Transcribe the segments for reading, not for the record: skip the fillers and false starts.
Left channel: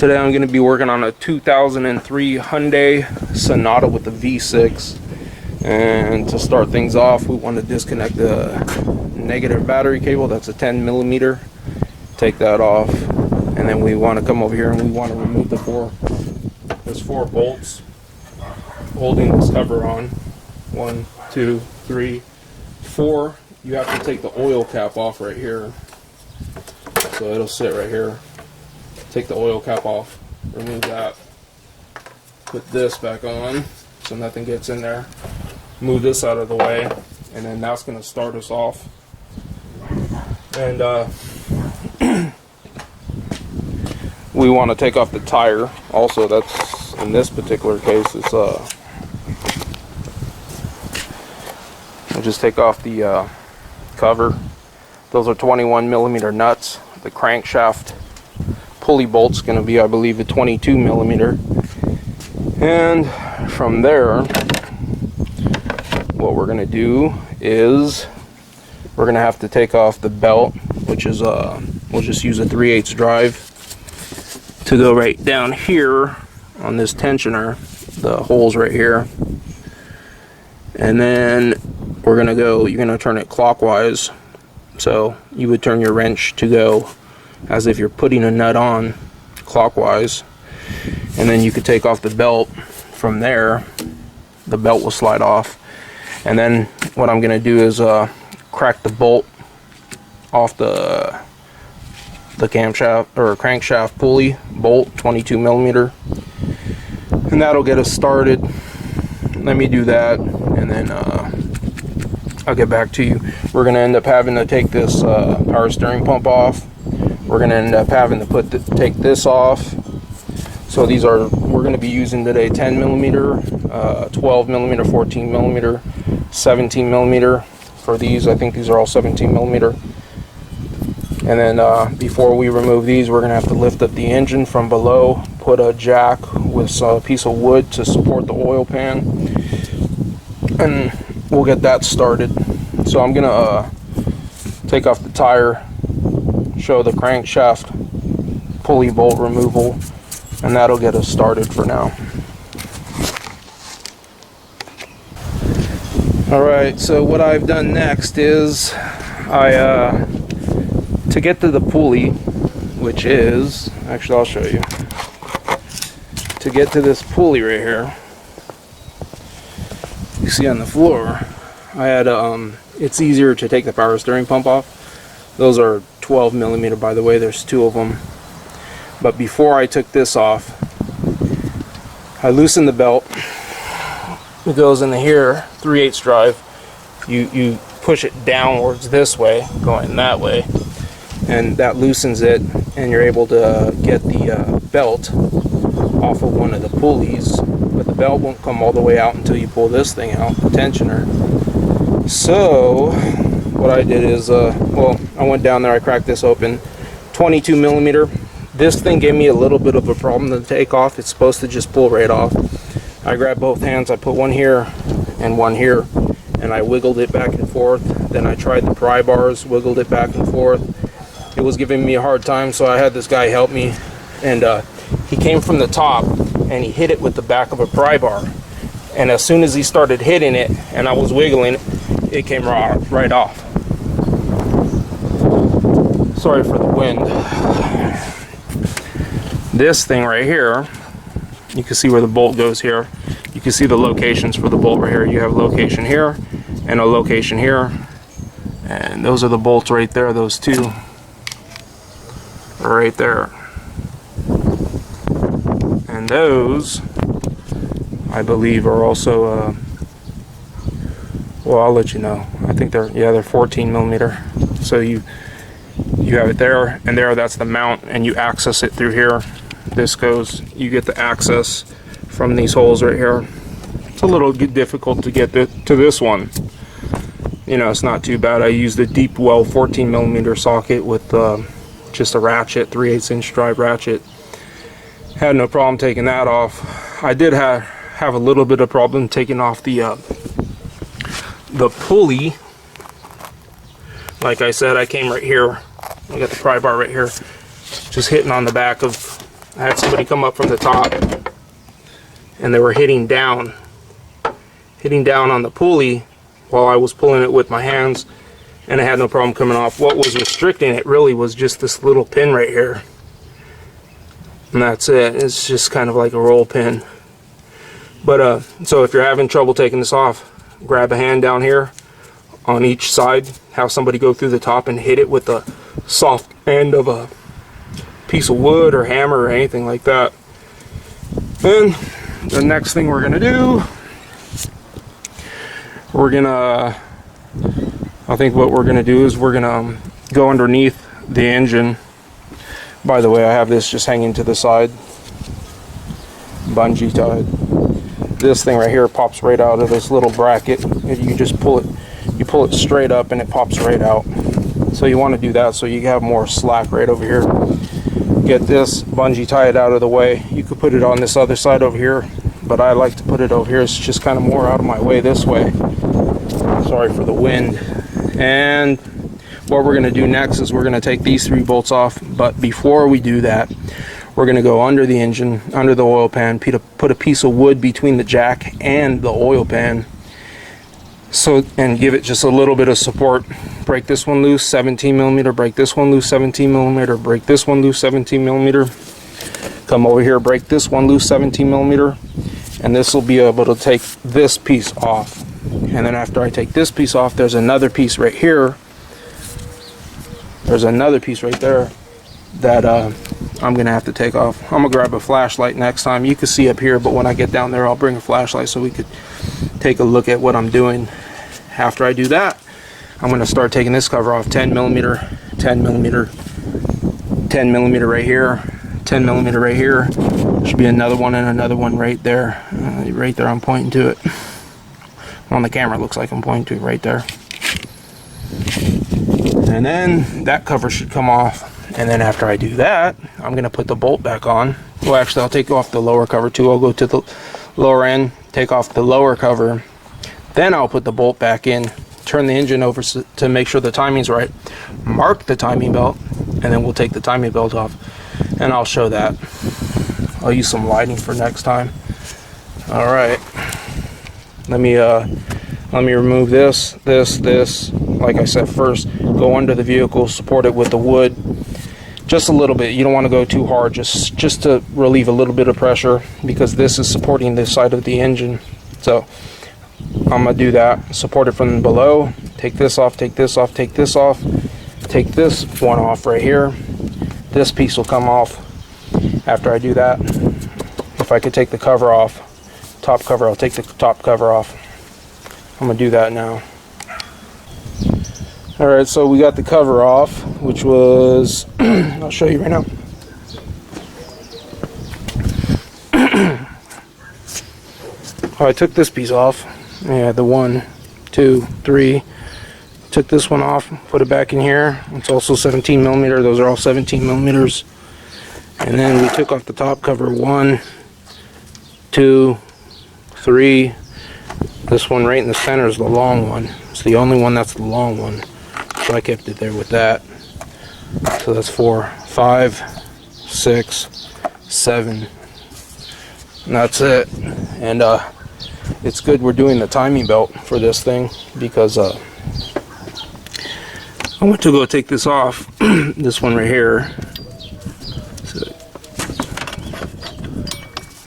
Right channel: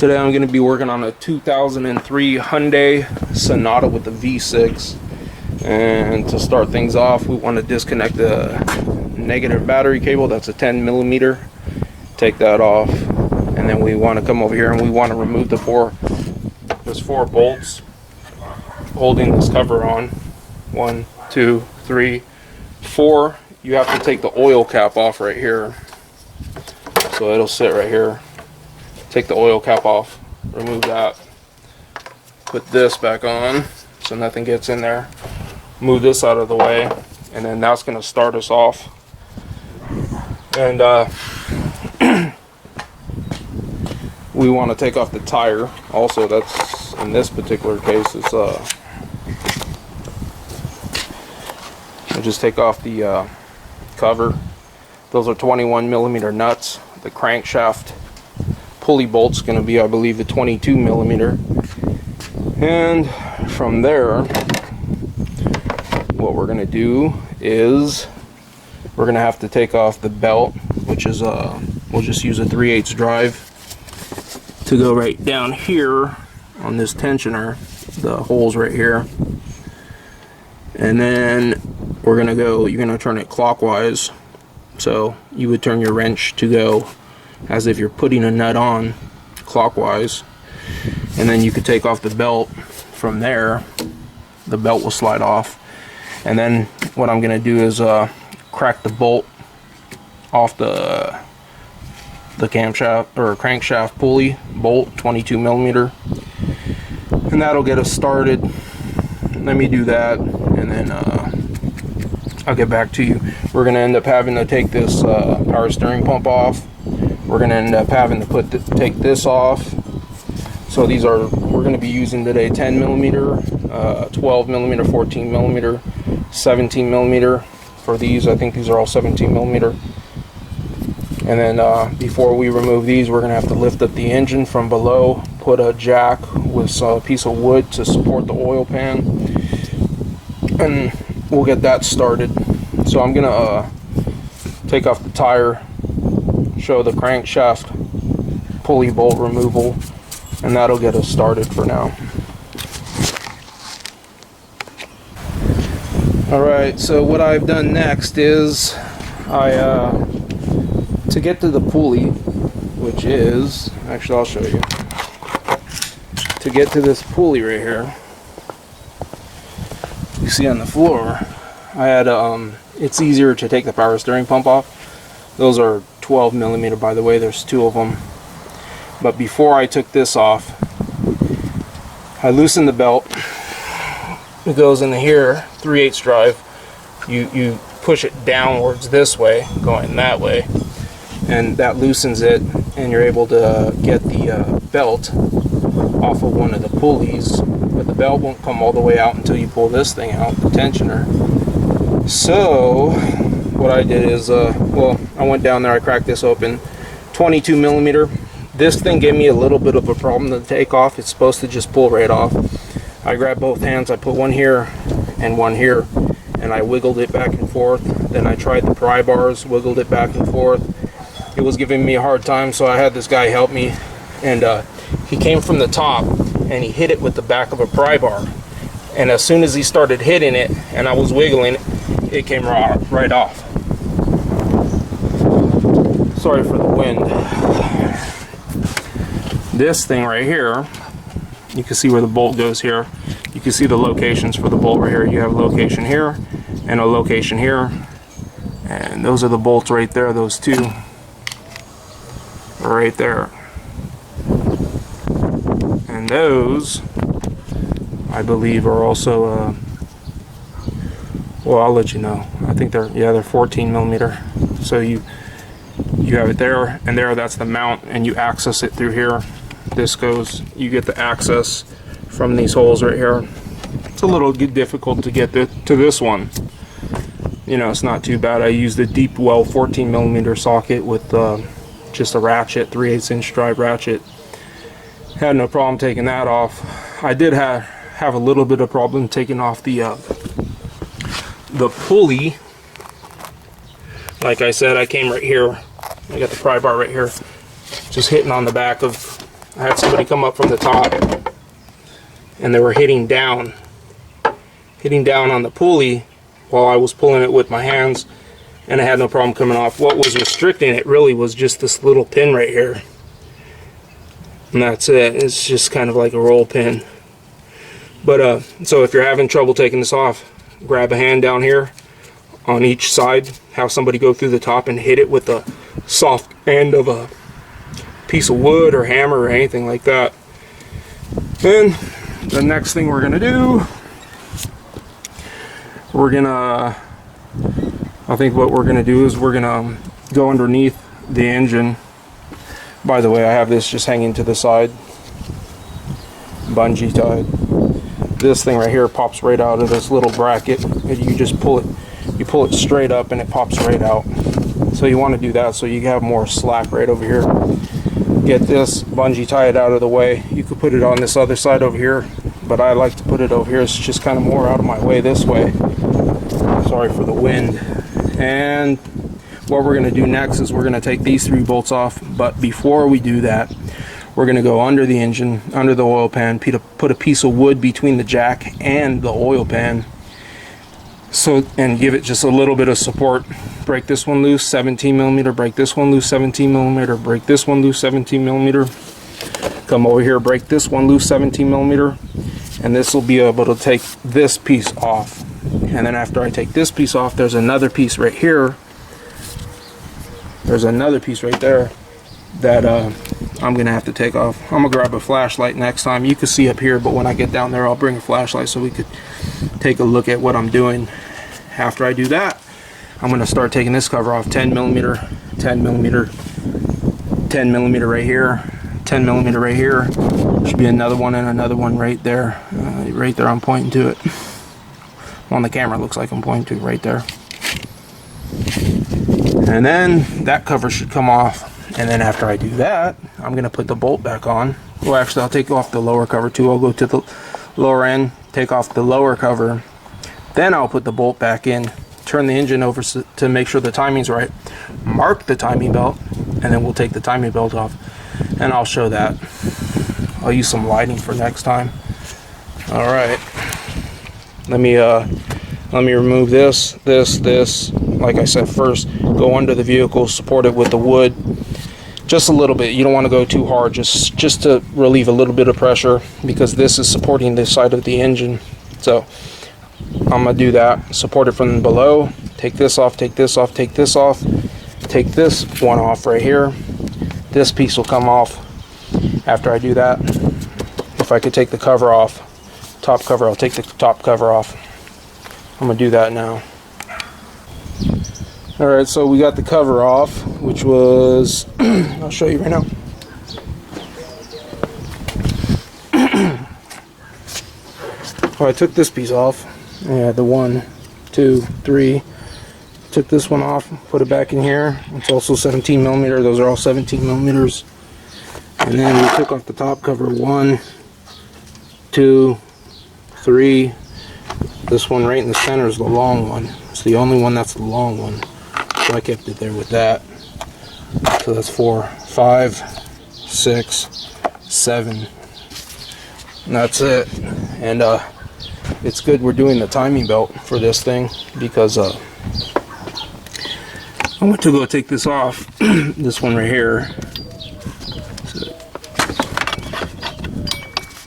Today I'm going to be working on a 2003 Hyundai Sonata with the V6. And to start things off, we want to disconnect the negative battery cable. That's a 10 millimeter. Take that off. And then we want to come over here and we want to remove there's 4 bolts holding this cover on. 1, 2, 3, 4. You have to take the oil cap off right here. So it'll sit right here. Take the oil cap off, remove that, put this back on so nothing gets in there, move this out of the way, and then that's going to start us off. And we want to take off the tire also. That's, in this particular case, it's we'll just take off the cover. Those are 21 millimeter nuts. The crankshaft pulley bolt's going to be, I believe, a 22 millimeter. And from there, what we're going to do is we're going to have to take off the belt, which is we'll just use a 3/8 drive to go right down here on this tensioner, the holes right here. And then we're going to go, you're going to turn it clockwise. So you would turn your wrench to go as if you're putting a nut on clockwise, and then you could take off the belt. From there the belt will slide off, and then what I'm gonna do is crack the bolt off the camshaft or crankshaft pulley bolt, 22 millimeter, and that'll get us started. Let me do that and then I'll get back to you. We're gonna end up having to take this power steering pump off. We're going to end up having to take this off. So these are, we're going to be using today 10 millimeter, 12 millimeter, 14 millimeter, 17 millimeter for these. I think these are all 17 millimeter. And then before we remove these, we're going to have to lift up the engine from below, put a jack with a piece of wood to support the oil pan, and we'll get that started. So I'm going to take off the tire, show the crankshaft pulley bolt removal, and that'll get us started for now. Alright, so what I've done next is to get to the pulley, which is, actually I'll show you, to get to this pulley right here, you see on the floor, I had it's easier to take the power steering pump off. Those are 12 millimeter, by the way, there's 2 of them. But before I took this off, I loosened the belt. It goes in here, 3/8 drive. You push it downwards this way, going that way, and that loosens it, and you're able to get the belt off of one of the pulleys. But the belt won't come all the way out until you pull this thing out, the tensioner. So what I did is, well, I went down there, I cracked this open, 22 millimeter. This thing gave me a little bit of a problem to take off. It's supposed to just pull right off. I grabbed both hands, I put one here and one here, and I wiggled it back and forth. Then I tried the pry bars, wiggled it back and forth. It was giving me a hard time, so I had this guy help me, and he came from the top and he hit it with the back of a pry bar. And as soon as he started hitting it and I was wiggling it, it came right off. Sorry for the wind. This thing right here, you can see where the bolt goes here. You can see the locations for the bolt right here. You have a location here and a location here. And those are the bolts right there, those 2 are right there. And those, I believe, are also well, I'll let you know. I think they're 14 millimeter. So you have it there and there. That's the mount, and you access it through here. This goes, you get the access from these holes right here. It's a little difficult to get to this one. You know, it's not too bad. I used a deep well 14 millimeter socket with just a ratchet, 3/8 inch drive ratchet. Had no problem taking that off. I did have a little bit of problem taking off the pulley. Like I said, I came right here. I got the pry bar right here, just hitting on the back of I had somebody come up from the top and they were hitting down on the pulley while I was pulling it with my hands, and I had no problem coming off. What was restricting it really was just this little pin right here, and that's it. It's just kind of like a roll pin. But so if you're having trouble taking this off, grab a hand down here on each side, have somebody go through the top and hit it with the soft end of a piece of wood or hammer or anything like that. Then the next thing we're gonna do, I think what we're gonna do is we're gonna go underneath the engine. By the way, I have this just hanging to the side, bungee tied. This thing right here pops right out of this little bracket. You just pull it straight up and it pops right out. So you want to do that so you have more slack right over here. Get this bungee tied out of the way. You could put it on this other side over here, but I like to put it over here. It's just kind of more out of my way this way. Sorry for the wind. And what we're going to do next is we're going to take these 3 bolts off, but before we do that, we're going to go under the engine, under the oil pan, put a piece of wood between the jack and the oil pan, and give it just a little bit of support. Break this one loose, 17 millimeter, break this one loose, 17 millimeter, break this one loose, 17 millimeter. Come over here, break this one loose, 17 millimeter, and this will be able to take this piece off. And then after I take this piece off, there's another piece right here. There's another piece right there that I'm gonna have to take off. I'm gonna grab a flashlight next time. You can see up here, but when I get down there, I'll bring a flashlight so we could take a look at what I'm doing. After I do that, I'm gonna start taking this cover off. 10 millimeter, 10 millimeter, 10 millimeter right here, 10 millimeter right here. Should be another one and another one right there. Right there, I'm pointing to it. On the camera, it looks like I'm pointing to it right there. And then that cover should come off. And then after I do that, I'm gonna put the bolt back on. Well, actually, I'll take off the lower cover too. I'll go to the lower end, take off the lower cover, then I'll put the bolt back in, turn the engine over to make sure the timing's right, mark the timing belt, and then we'll take the timing belt off, and I'll show that. I'll use some lighting for next time. All right, let me remove this. Like I said, first go under the vehicle, support it with the wood just a little bit. You don't want to go too hard, just to relieve a little bit of pressure, because this is supporting this side of the engine. So I'm gonna do that, support it from below, take this off, take this off, take this off, take this one off right here. This piece will come off after I do that. If I could take the cover off, top cover, I'll take the top cover off. I'm gonna do that now. All right, so we got the cover off, which was, I'll show you right now. Oh, I took this piece off. Yeah, the 1, 2, 3. Took this one off, put it back in here. It's also 17 millimeter. Those are all 17 millimeters. And then we took off the top cover. 1, 2, 3. This one right in the center is the long one. It's the only one that's the long one. So I kept it there with that. So that's 4, 5, 6, 7. And that's it. And it's good we're doing the timing belt for this thing, because I went to go take this off. This one right here. So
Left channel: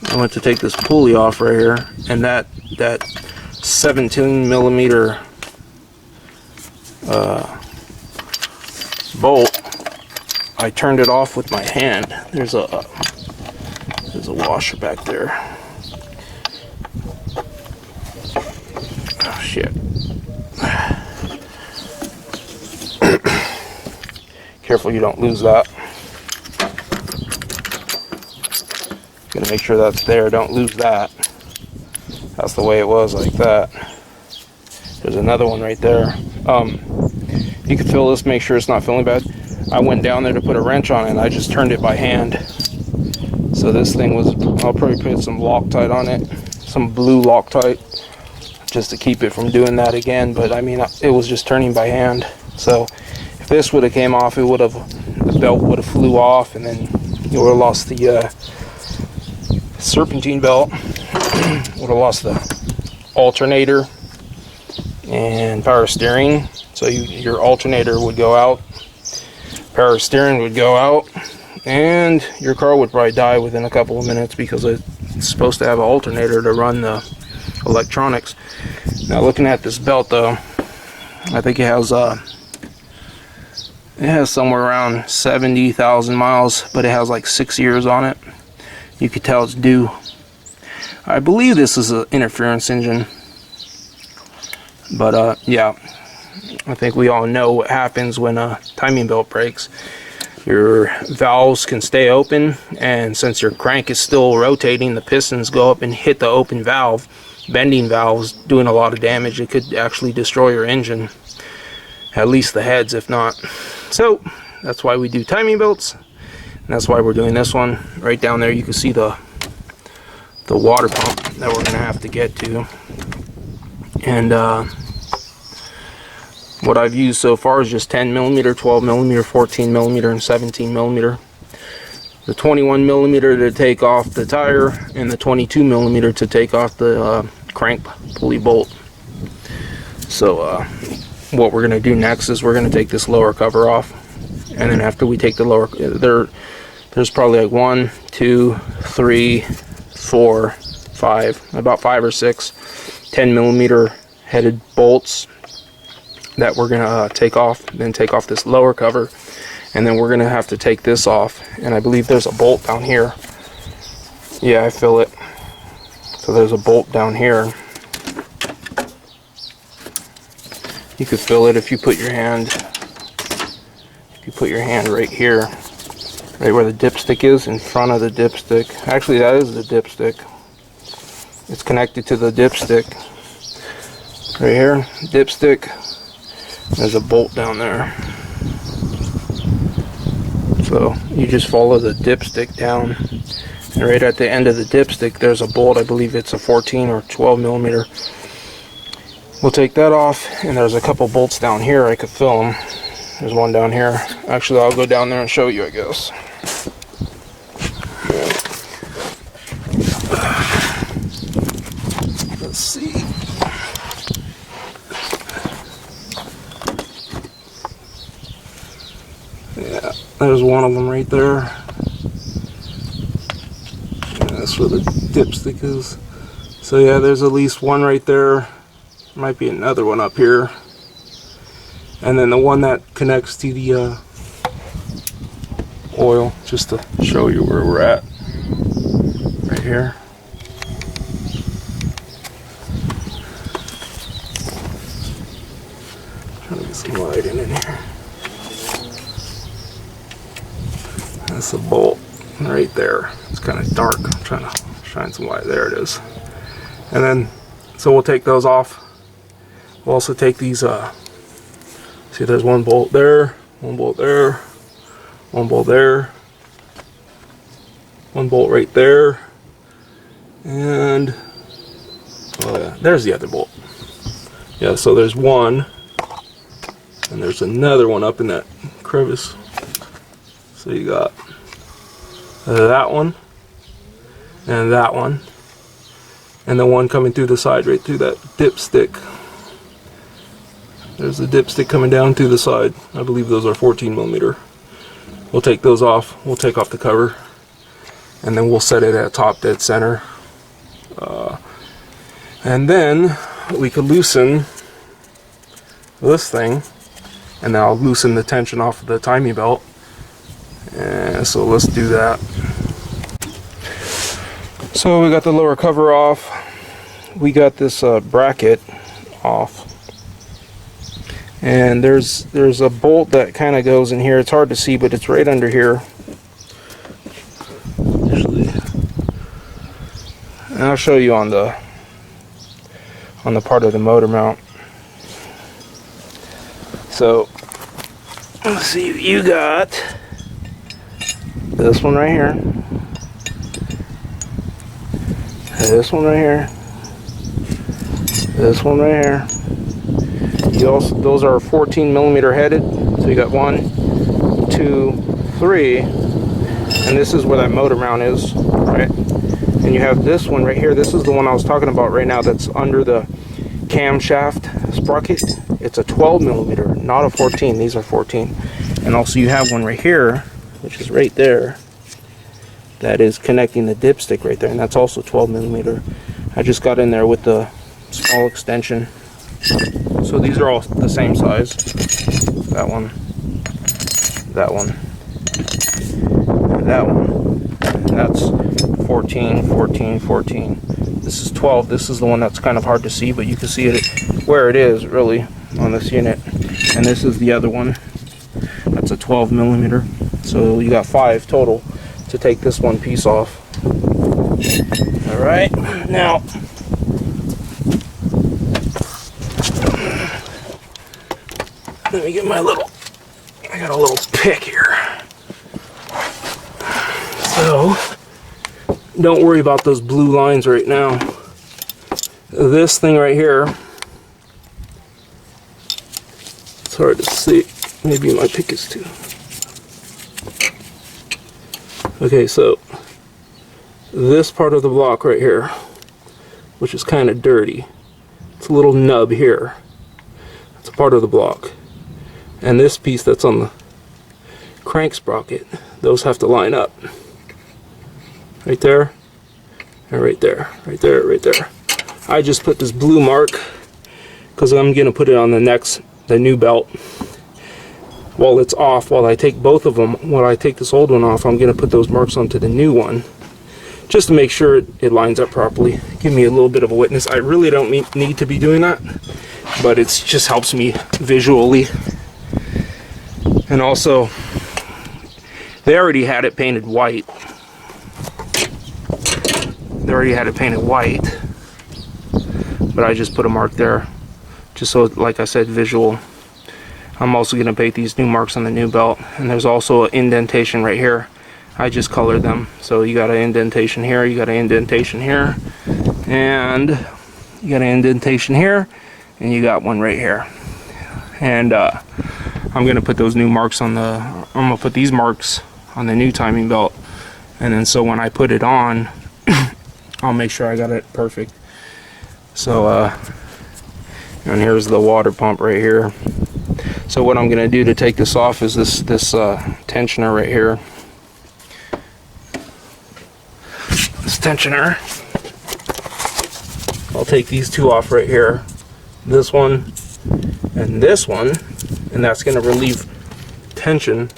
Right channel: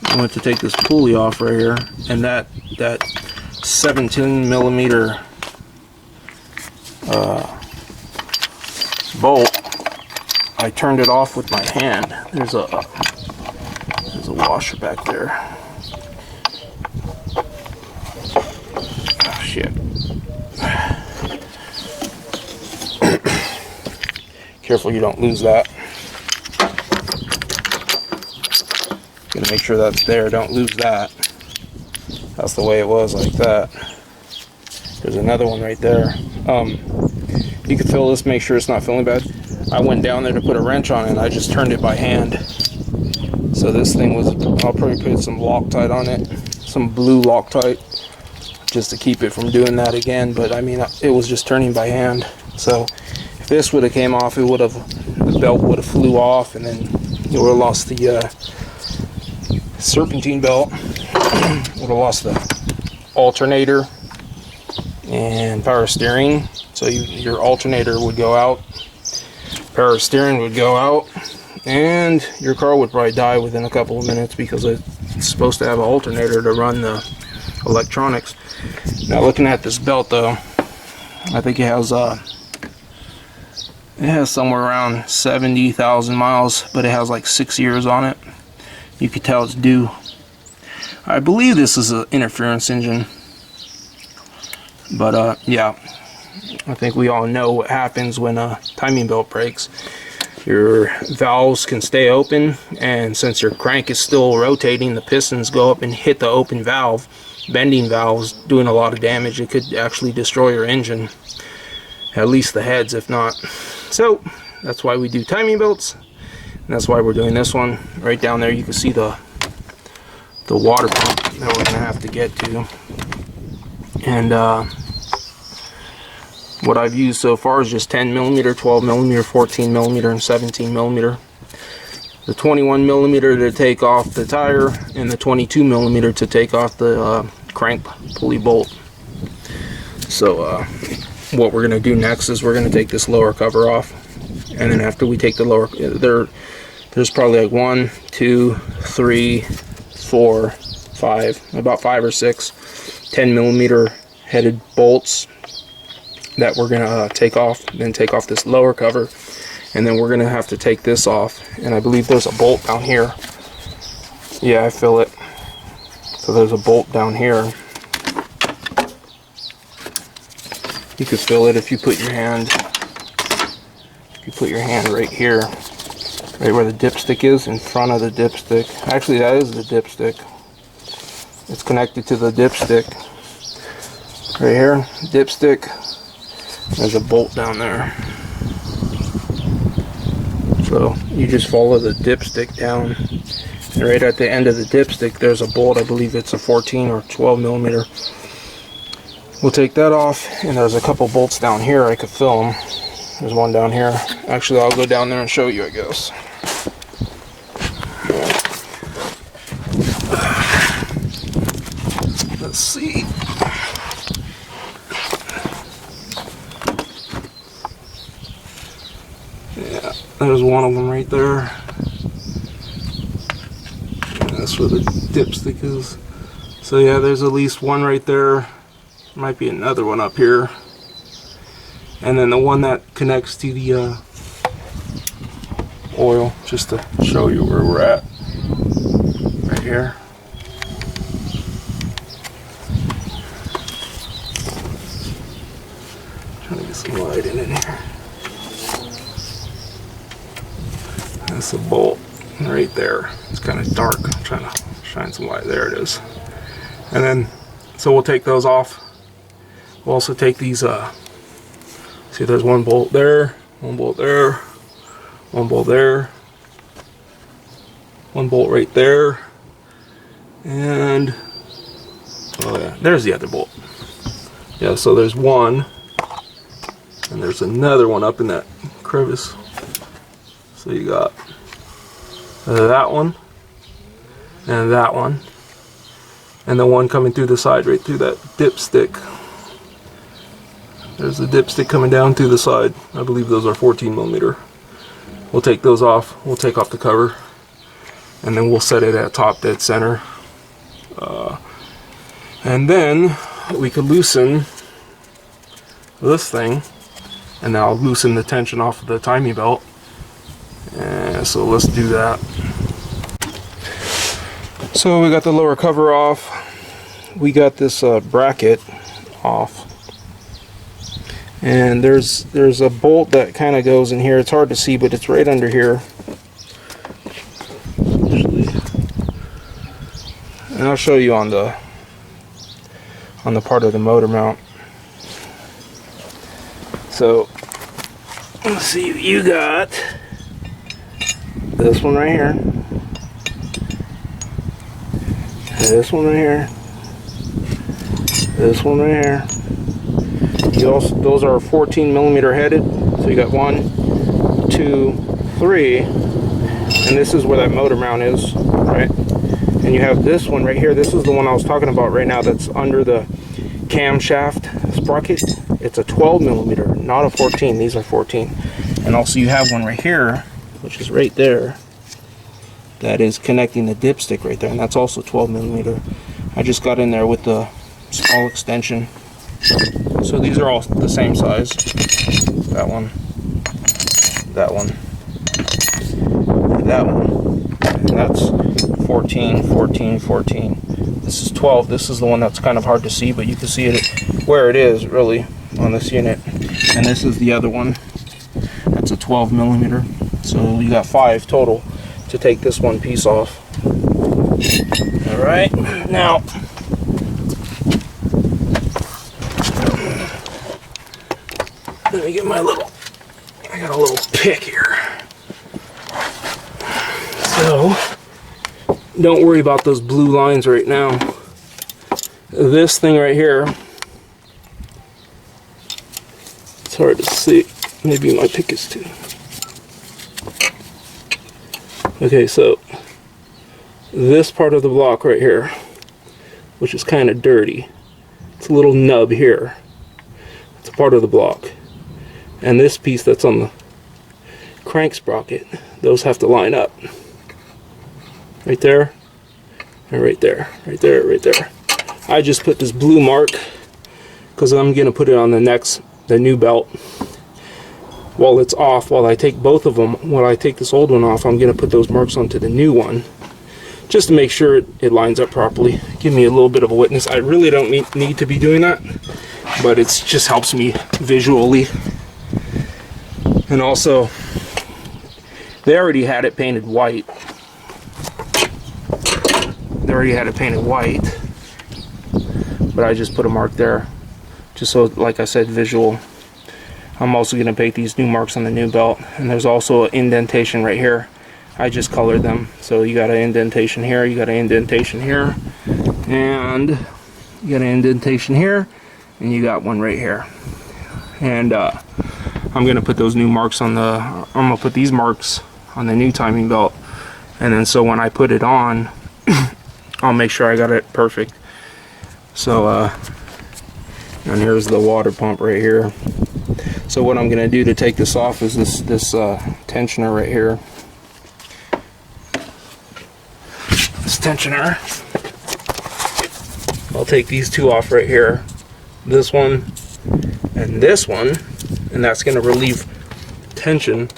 I went to take this pulley off right here, and that 17 millimeter bolt, I turned it off with my hand. There's a washer back there. Oh, shit. Careful you don't lose that. Gonna make sure that's there, don't lose that. That's the way it was, like that. There's another one right there. You can feel this, make sure it's not feeling bad. I went down there to put a wrench on it and I just turned it by hand. So this thing was, I'll probably put some Loctite on it, some blue Loctite, just to keep it from doing that again. But I mean, it was just turning by hand. So if this would have came off, it would have, the belt would have flew off, and then You would have lost the serpentine belt, would have lost the alternator and power steering. So your alternator would go out, power steering would go out, and your car would probably die within a couple of minutes because it's supposed to have an alternator to run the electronics. Now looking at this belt though, I think it has somewhere around 70,000 miles, but it has like 6 years on it. You could tell it's due. I believe this is an interference engine, but yeah, I think we all know what happens when a timing belt breaks. Your valves can stay open, and since your crank is still rotating, the pistons go up and hit the open valve, bending valves, doing a lot of damage. It could actually destroy your engine, at least the heads, if not. So that's why we do timing belts, and that's why we're doing this one. Right down there you can see the water pump that we're gonna have to get to. And what I've used so far is just 10mm, 12mm, 14mm, and 17mm. The 21mm to take off the tire, and the 22mm to take off the crank pulley bolt. So what we're going to do next is we're going to take this lower cover off, and then after we take the lower, there's probably like 1, 2, 3, 4, 5, about 5 or 6 10mm headed bolts that we're gonna take off. Then take off this lower cover, and then we're gonna have to take this off, and I believe there's a bolt down here. Yeah, I feel it. So there's a bolt down here. You could feel it if you put your hand right here, right where the dipstick is, in front of the dipstick. Actually, that is the dipstick. It's connected to the dipstick right here. Dipstick. There's a bolt down there. So you just follow the dipstick down, and right at the end of the dipstick there's a bolt. I believe it's a 14 or 12mm. We'll take that off, and there's a couple bolts down here. I could feel them. There's one down here. Actually, I'll go down there and show you, I guess. Let's see. Yeah, there's one of them right there. And that's where the dipstick is. So yeah, there's at least one right there. Might be another one up here. And then the one that connects to the oil, just to show you where we're at. Right here. Trying to get some light in here. That's a bolt right there. It's kind of dark. I'm trying to shine some light. There it is. And then, so we'll take those off. We'll also take these, see, there's one bolt there, one bolt there, one bolt there, one bolt right there, and, oh yeah, there's the other bolt. Yeah, so there's one, and there's another one up in that crevice. So you got that one, and that one, and the one coming through the side right through that dipstick. There's the dipstick coming down through the side. I believe those are 14mm. We'll take those off. We'll take off the cover, and then we'll set it at top dead center. And then we could loosen this thing, and now I'll loosen the tension off of the timing belt. And so let's do that. So we got the lower cover off. We got this bracket off. And there's a bolt that kind of goes in here. It's hard to see, but it's right under here. Usually. And I'll show you on the part of the motor mount. So let's see, you got this one right here. This one right here. This one right here. You also, those are 14mm headed, so you got 1, 2, 3, and this is where that motor mount is, right? And you have this one right here. This is the one I was talking about right now that's under the camshaft sprocket. It's a 12 millimeter, not a 14. These are 14. And also you have one right here, which is right there, that is connecting the dipstick right there, and that's also 12 millimeter. I just got in there with the small extension. So these are all the same size. That one, that one, and that one. And that's 14, 14, 14. This is 12. This is the one that's kind of hard to see, but you can see it where it is really on this unit. And this is the other one. That's a 12 millimeter. So you got 5 total to take this one piece off. All right, now let me get my little, I got a little pick here. So don't worry about those blue lines right now. This thing right here, it's hard to see. Maybe my pick is too. Okay, so this part of the block right here, which is kind of dirty, it's a little nub here. It's a part of the block. And this piece that's on the crank sprocket, those have to line up. Right there, and right there, right there, right there. I just put this blue mark because I'm going to put it on the new belt. While it's off, while I take both of them, while I take this old one off, I'm going to put those marks onto the new one, just to make sure it lines up properly. Give me a little bit of a witness. I really don't need to be doing that, but it just helps me visually. And also, they already had it painted white. They already had it painted white, but I just put a mark there, just so, like I said, visual. I'm also going to paint these new marks on the new belt, and there's also an indentation right here. I just colored them, so you got an indentation here, you got an indentation here, and you got an indentation here, and you got one right here. And I'm going to put those new marks on the, I'm going to put these marks on the new timing belt, and then so when I put it on, I'll make sure I got it perfect. So and here's the water pump right here. So what I'm going to do to take this off is this tensioner right here. This tensioner. I'll take these two off right here. This one and this one, and that's going to relieve tension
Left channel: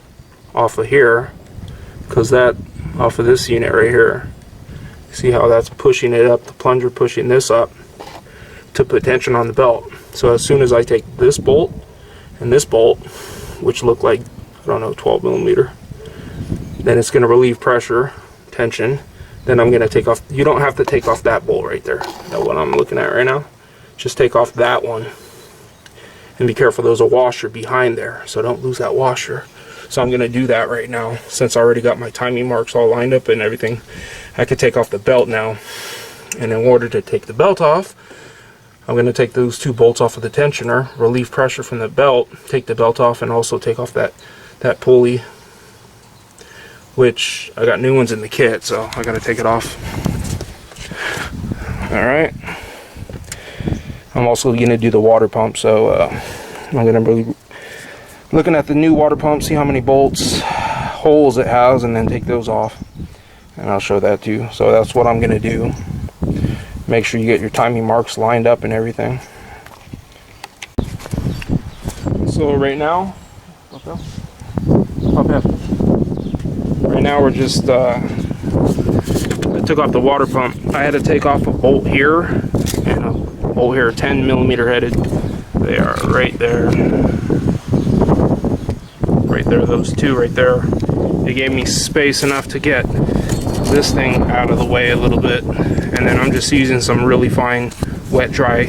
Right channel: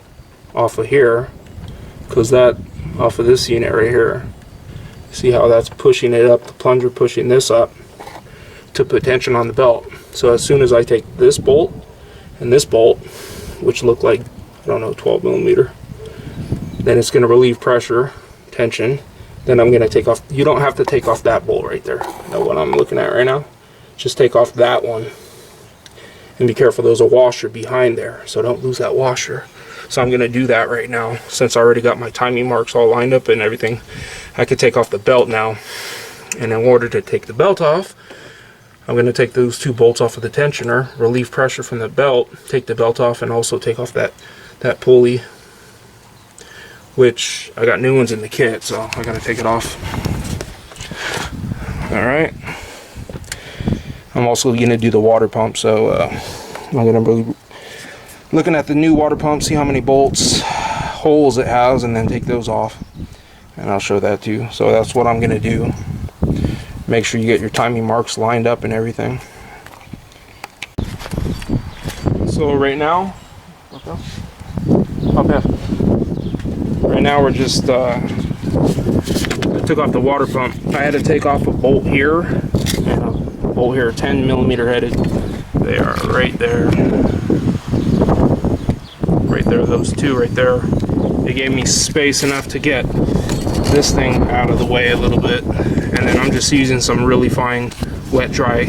off of here, because that off of this unit right here. See how that's pushing it up, the plunger pushing this up to put tension on the belt. So as soon as I take this bolt and this bolt, which look like, I don't know, 12 millimeter, then it's going to relieve pressure, tension. Then I'm going to take off, you don't have to take off that bolt right there, that one I'm looking at right now. Just take off that one. And be careful, there's a washer behind there, so don't lose that washer. So I'm going to do that right now. Since I already got my timing marks all lined up and everything, I could take off the belt now. And in order to take the belt off, I'm going to take those two bolts off of the tensioner, relieve pressure from the belt, take the belt off, and also take off that pulley, which I got new ones in the kit, so I got to take it off. Alright. I'm also going to do the water pump, so I'm going to be looking at the new water pump, see how many bolts, holes it has, and then take those off. And I'll show that to you. So that's what I'm going to do. Make sure you get your timing marks lined up and everything. So right now, right now we're just, I took off the water pump. I had to take off a bolt here and a bolt here, 10 millimeter headed. They are right there. Right there, those two right there. They gave me space enough to get this thing out of the way a little bit. And then I'm just using some really fine wet dry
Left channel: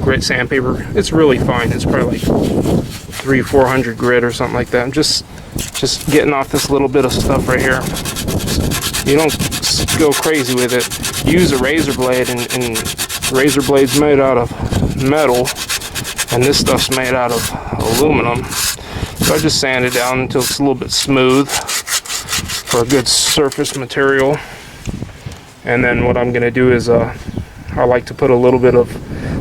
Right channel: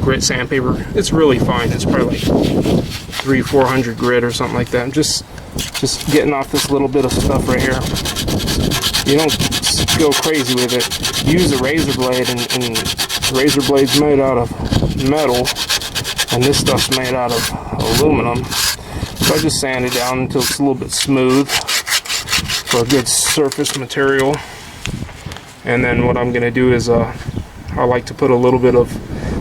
grit sandpaper. It's really fine. It's probably like 300-400 grit or something like that. I'm just getting off this little bit of stuff right here. You don't go crazy with it. Use a razor blade, and razor blade's made out of metal, and this stuff's made out of aluminum. So I just sand it down until it's a little bit smooth. for a good surface material. And then what I'm going to do is I like to put a little bit of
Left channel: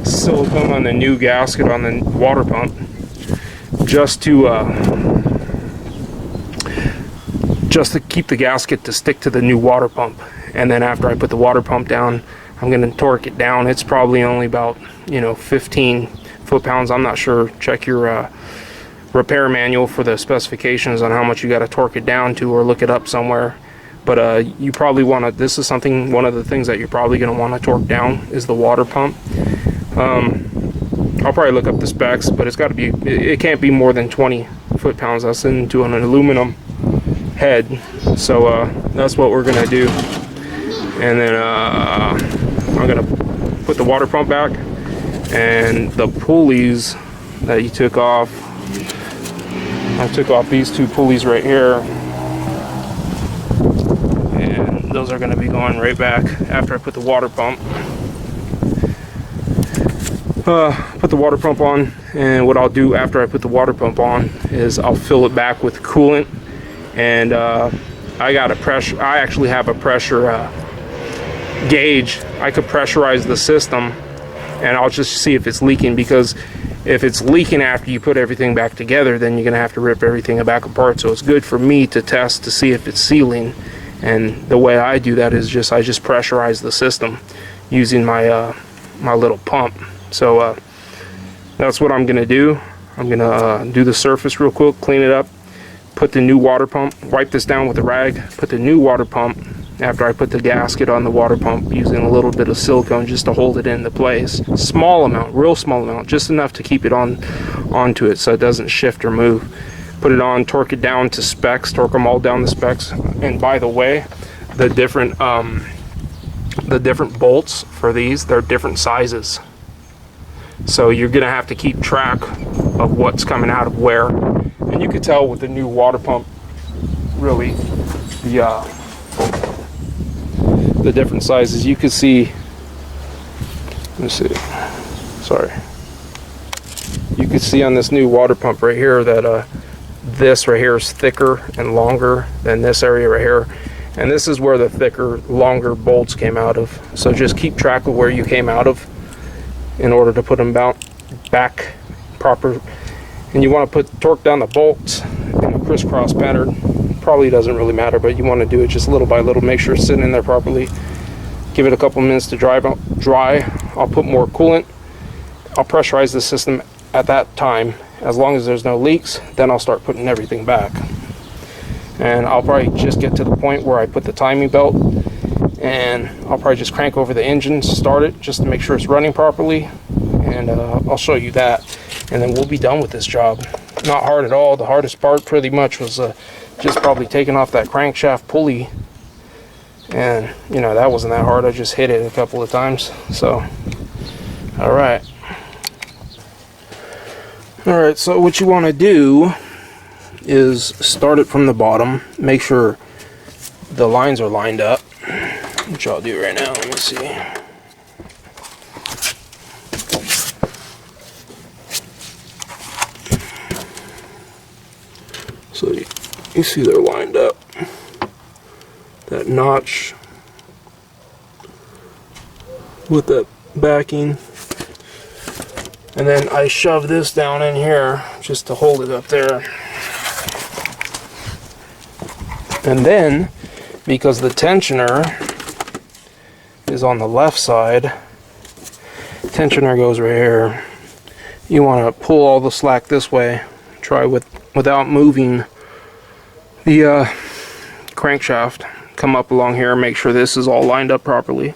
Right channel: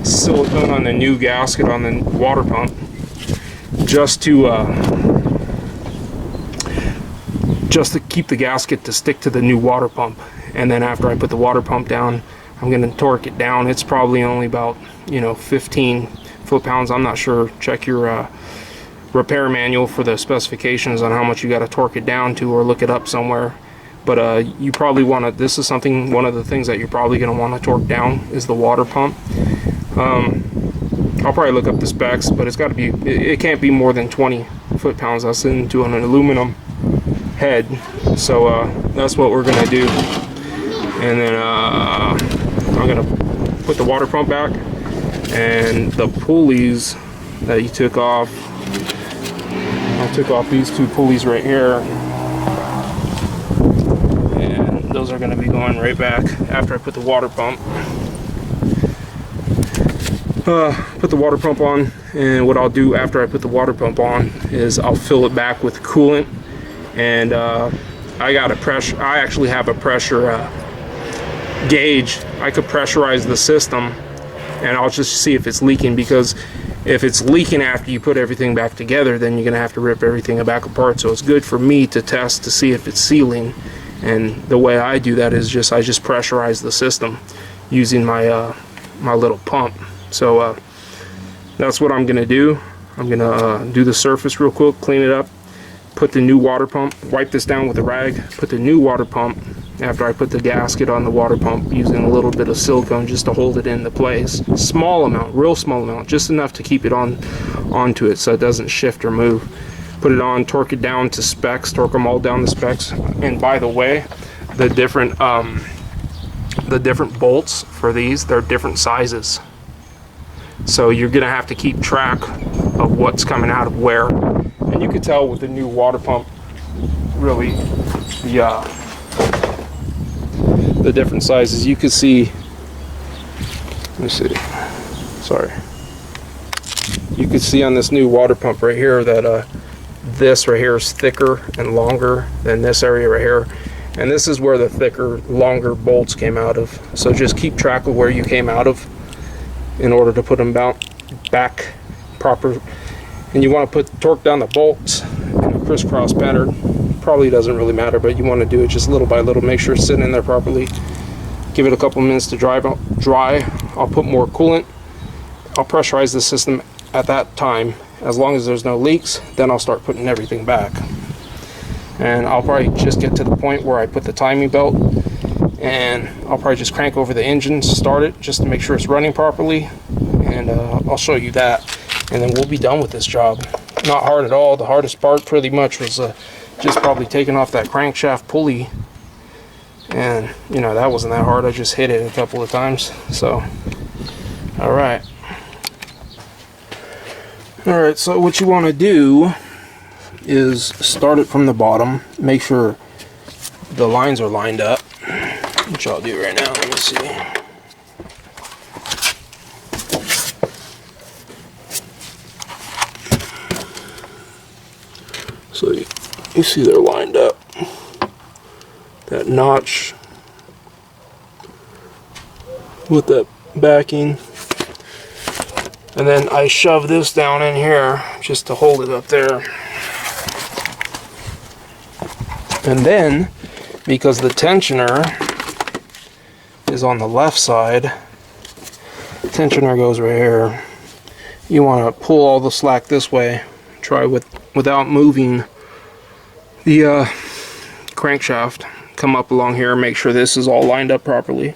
silicone on the new gasket on the water pump, just to keep the gasket to stick to the new water pump. And then after I put the water pump down, I'm going to torque it down. It's probably only about 15 foot-pounds. I'm not sure. Check your repair manual for the specifications on how much you got to torque it down to, or look it up somewhere. But you probably want to, this is one of the things that you're probably going to want to torque down is the water pump. I'll probably look up the specs, but it's got to be, it can't be more than 20 foot-pounds. That's into an aluminum head. So that's what we're going to do. And then I'm going to put the water pump back, and the pulleys that you took off, I took off these two pulleys right here. Those are going to be going right back after I put the water pump. Put the water pump on, and what I'll do after I put the water pump on is I'll fill it back with coolant. And I actually have a pressure gauge. I could pressurize the system, and I'll just see if it's leaking, because if it's leaking after you put everything back together, then you're going to have to rip everything back apart. So it's good for me to test to see if it's sealing. And the way I do that is I just pressurize the system using my my little pump. So that's what I'm gonna do. I'm gonna do the surface real quick, clean it up, put the new water pump, wipe this down with a rag, put the new water pump after I put the gasket on the water pump, using a little bit of silicone just to hold it into place. Small amount, real small amount, just enough to keep it onto it so it doesn't shift or move. Put it on, torque it down to specs, torque them all down to specs. And by the way, the different bolts for these, they're different sizes. So you're gonna have to keep track of what's coming out of where. And you can tell with the new water pump, really, the different sizes. You can see, let me see, sorry. You can see on this new water pump right here that this right here is thicker and longer than this area right here, and this is where the thicker, longer bolts came out of. So just keep track of where you came out of in order to put them back proper. And you want to torque down the bolts in a crisscross pattern. Probably doesn't really matter, but you want to do it just little by little. Make sure it's sitting in there properly. Give it a couple minutes to dry. I'll put more coolant. I'll pressurize the system at that time. As long as there's no leaks, then I'll start putting everything back. And I'll probably just get to the point where I put the timing belt, and I'll probably just crank over the engine, start it just to make sure it's running properly, and I'll show you that, and then we'll be done with this job. Not hard at all. The hardest part pretty much was just probably taking off that crankshaft pulley, and that wasn't that hard. I just hit it a couple of times. So all right, so what you want to do is start it from the bottom. Make sure the lines are lined up, which I'll do right now. Let me see. So you see they're lined up. That notch with that backing. And then I shove this down in here just to hold it up there. And then, because the tensioner is on the left side, tensioner goes right here. You want to pull all the slack this way. Try without moving the crankshaft. Come up along here, make sure this is all lined up properly,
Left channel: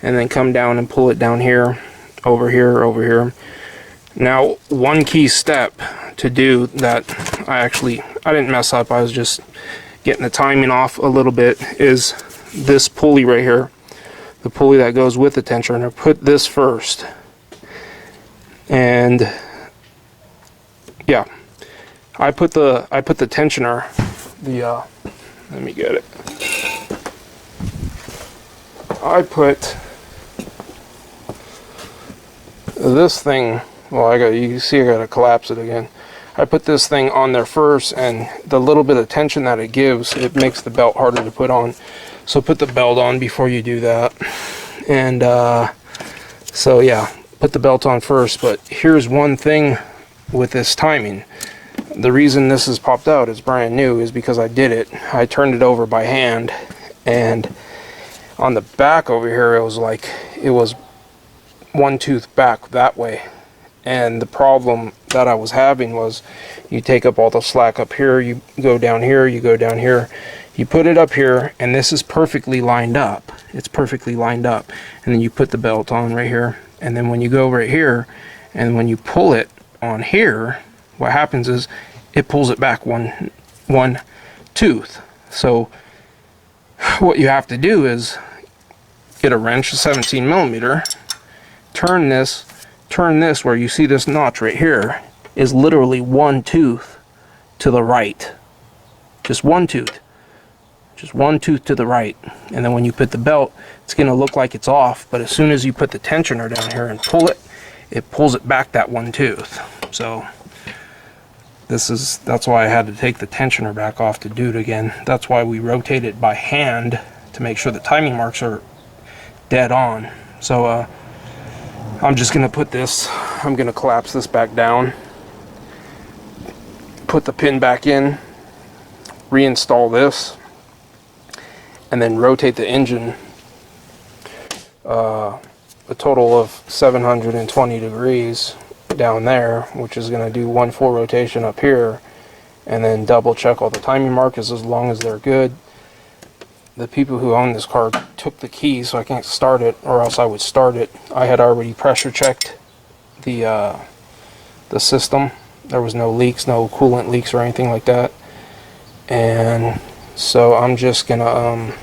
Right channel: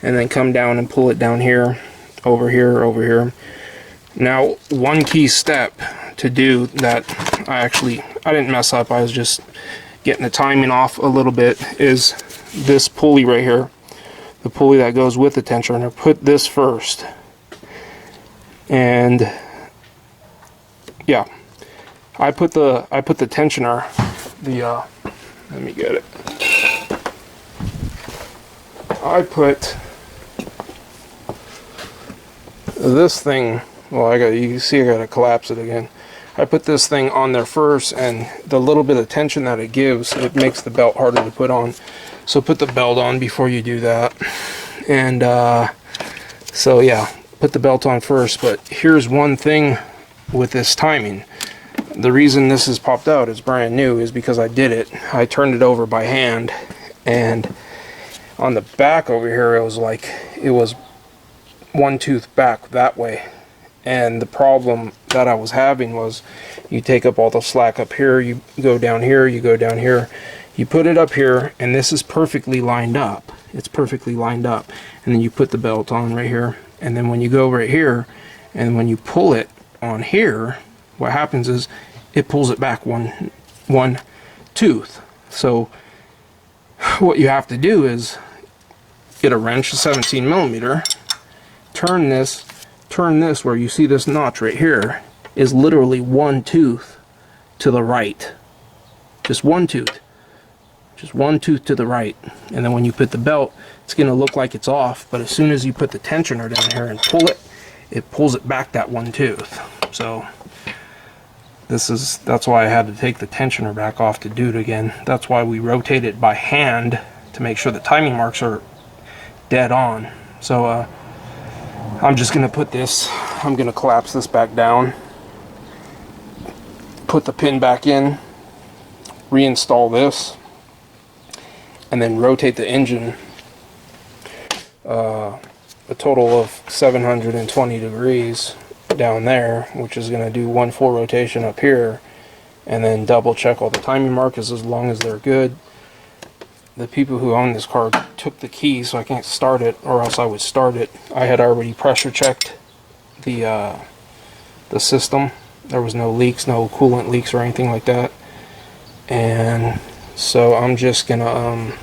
and then come down and pull it down here, over here, over here. Now, one key step to do that I didn't mess up, I was just getting the timing off a little bit, is this pulley right here, the pulley that goes with the tensioner. Put this first, and yeah, I put the tensioner, let me get it. I put this thing, well, you see I gotta collapse it again. I put this thing on there first, and the little bit of tension that it gives, it makes the belt harder to put on. So put the belt on before you do that. And so yeah, put the belt on first. But here's one thing with this timing. The reason this has popped out, it's brand new, is because I did it. I turned it over by hand, and on the back over here, it was one tooth back that way. And the problem that I was having was, you take up all the slack up here, you go down here, you go down here, you put it up here, and this is perfectly lined up. It's perfectly lined up. And then you put the belt on right here, and then when you go right here, and when you pull it on here, what happens is it pulls it back one tooth. So what you have to do is get a wrench, a 17 millimeter, turn this where you see this notch right here is literally one tooth to the right. Just one tooth to the right. And then when you put the belt, it's going to look like it's off, but as soon as you put the tensioner down here and pull it, it pulls it back that one tooth. So that's why I had to take the tensioner back off to do it again. That's why we rotate it by hand, to make sure the timing marks are dead on. So I'm just going to put this, I'm going to collapse this back down, put the pin back in, reinstall this, and then rotate the engine a total of 720 degrees down there, which is going to do one full rotation up here, and then double check all the timing markers as long as they're good. The people who own this car took the key, so I can't start it, or else I would start it. I had already pressure checked the system. There was no leaks, no coolant leaks or anything like that. And so I'm just gonna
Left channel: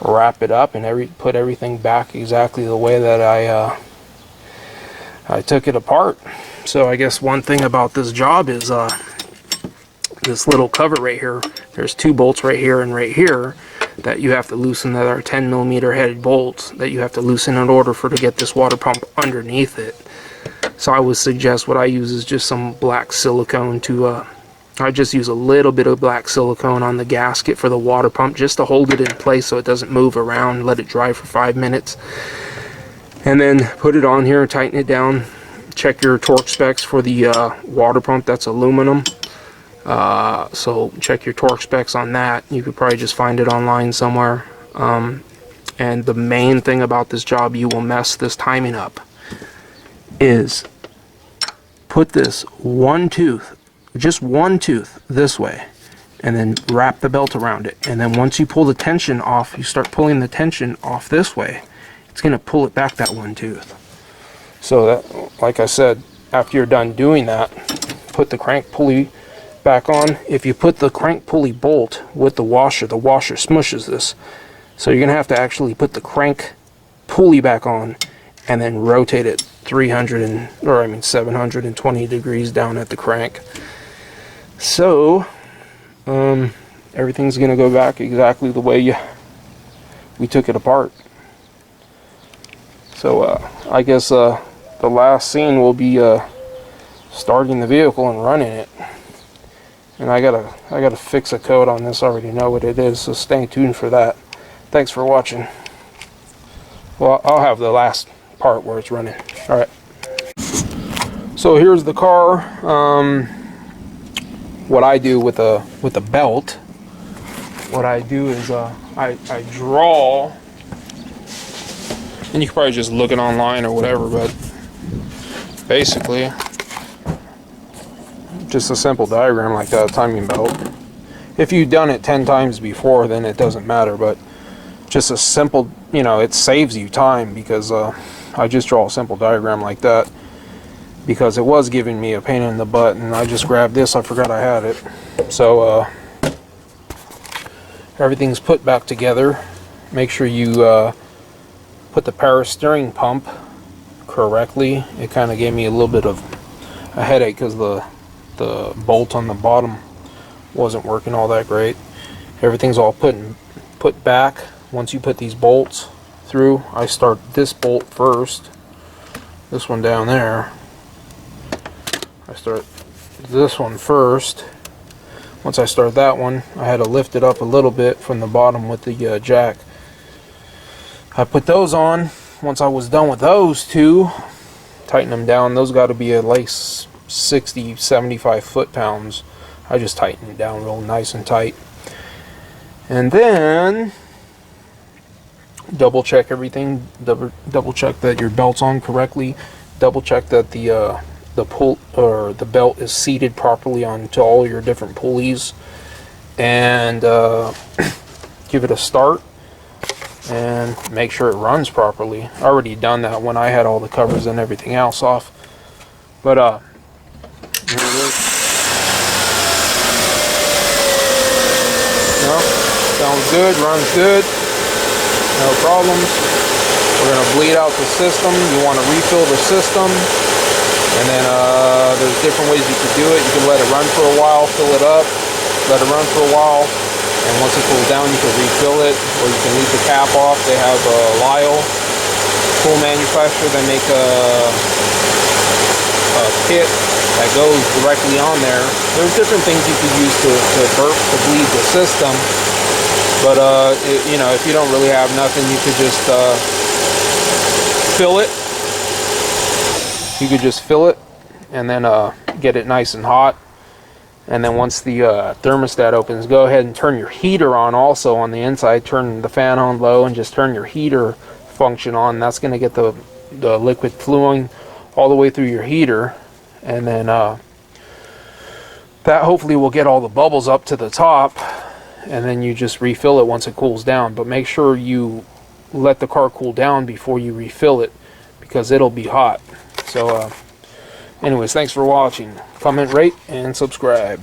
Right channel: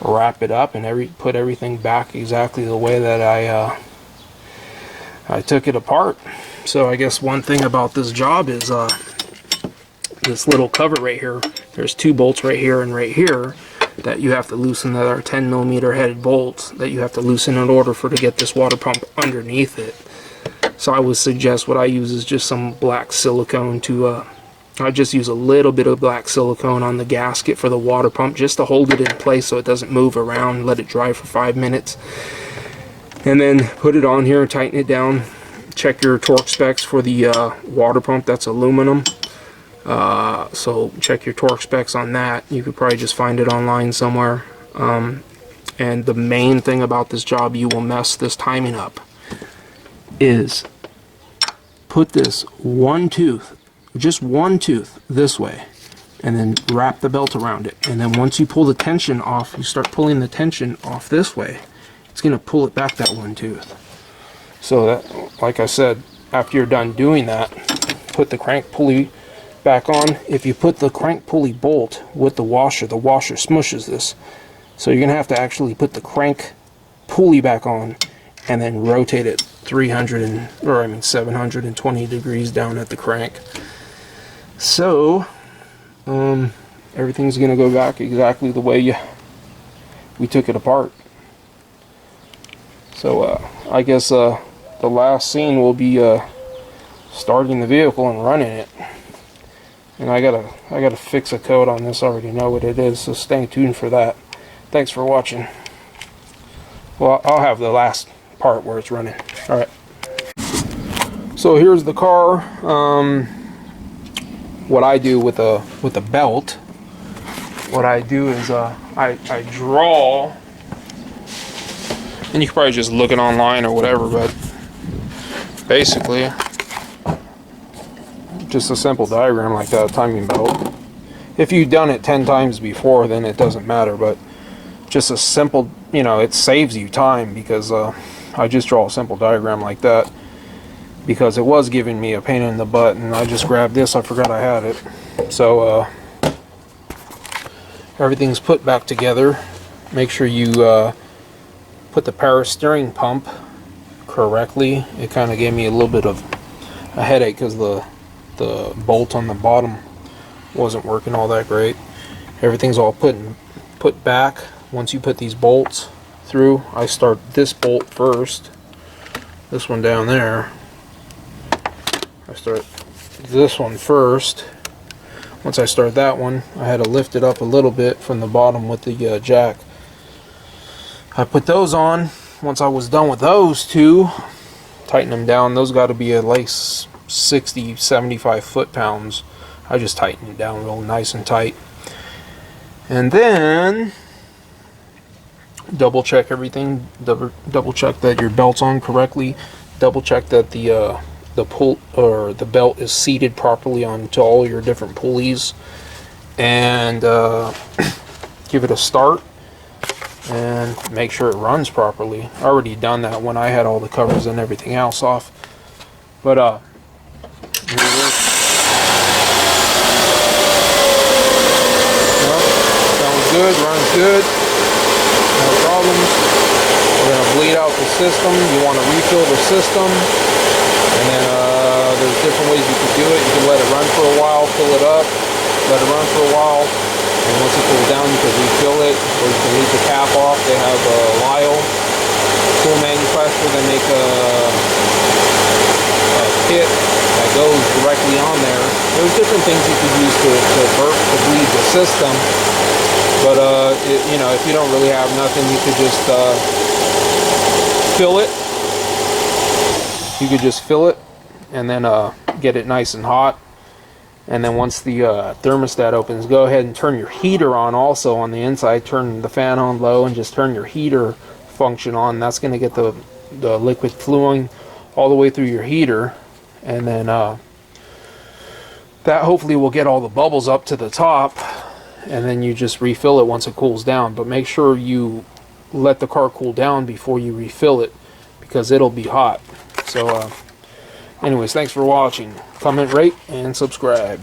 wrap it up and put everything back exactly the way that I took it apart. So I guess one thing about this job is this little cover right here. There's two bolts right here and right here that you have to loosen, that are 10 millimeter headed bolts that you have to loosen in order to get this water pump underneath it. So I would suggest what I use is just some black silicone to I just use a little bit of black silicone on the gasket for the water pump, just to hold it in place so it doesn't move around. Let it dry for 5 minutes, and then put it on here, tighten it down. Check your torque specs for the water pump. That's aluminum, so check your torque specs on that. You could probably just find it online somewhere. And the main thing about this job, you will mess this timing up, is put this one tooth, just one tooth this way, and then wrap the belt around it. And then once you pull the tension off, you start pulling the tension off this way, it's going to pull it back that one tooth. So that, like I said, after you're done doing that, put the crank pulley back on. If you put the crank pulley bolt with the washer smushes this. So you're going to have to actually put the crank pulley back on and then rotate it 720 degrees down at the crank. So everything's going to go back exactly the way we took it apart. So I guess the last scene will be starting the vehicle and running it. And I gotta fix a code on this. I already know what it is, so stay tuned for that. Thanks for watching. Well, I'll have the last part where it's running. All right. So here's the car. What I do with a belt, what I do is I draw, and you can probably just look it online or whatever, but basically just a simple diagram like that, timing belt. If you've done it 10 times before, then it doesn't matter, but just a simple, it saves you time, because I just draw a simple diagram like that because it was giving me a pain in the butt, and I just grabbed this. I forgot I had it. So everything's put back together. Make sure you put the power steering pump correctly. It kind of gave me a little bit of a headache because the bolt on the bottom wasn't working all that great. Everything's all put back. Once you put these bolts through, I start this bolt first, this one down there. I start this one first. Once I start that one, I had to lift it up a little bit from the bottom with the jack. I put those on. Once I was done with those two, tighten them down. Those got to be at least 60, 75 foot-pounds. I just tighten it down real nice and tight. And then double check everything. Double check that your belt's on correctly. Double check that the pull or the belt is seated properly onto all your different pulleys, and give it a start and make sure it runs properly. I already done that when I had all the covers and everything else off, but sounds good, runs good, no problems. We're going to bleed out the system. You want to refill the system. And then there's different ways you can do it. You can let it run for a while, fill it up, let it run for a while, and once it cools down, you can refill it, or you can leave the cap off. They have Lyle, tool manufacturer. They make a kit that goes directly on there. There's different things you could use to bleed the system, but you know, if you don't really have nothing, you could just fill it. You could just fill it and then get it nice and hot. And then once the thermostat opens, go ahead and turn your heater on also on the inside. Turn the fan on low and just turn your heater function on. That's going to get the liquid flowing all the way through your heater. And then that hopefully will get all the bubbles up to the top. And then you just refill it once it cools down. But make sure you let the car cool down before you refill it, because it'll be hot. So anyways, thanks for watching. Comment, rate, and subscribe.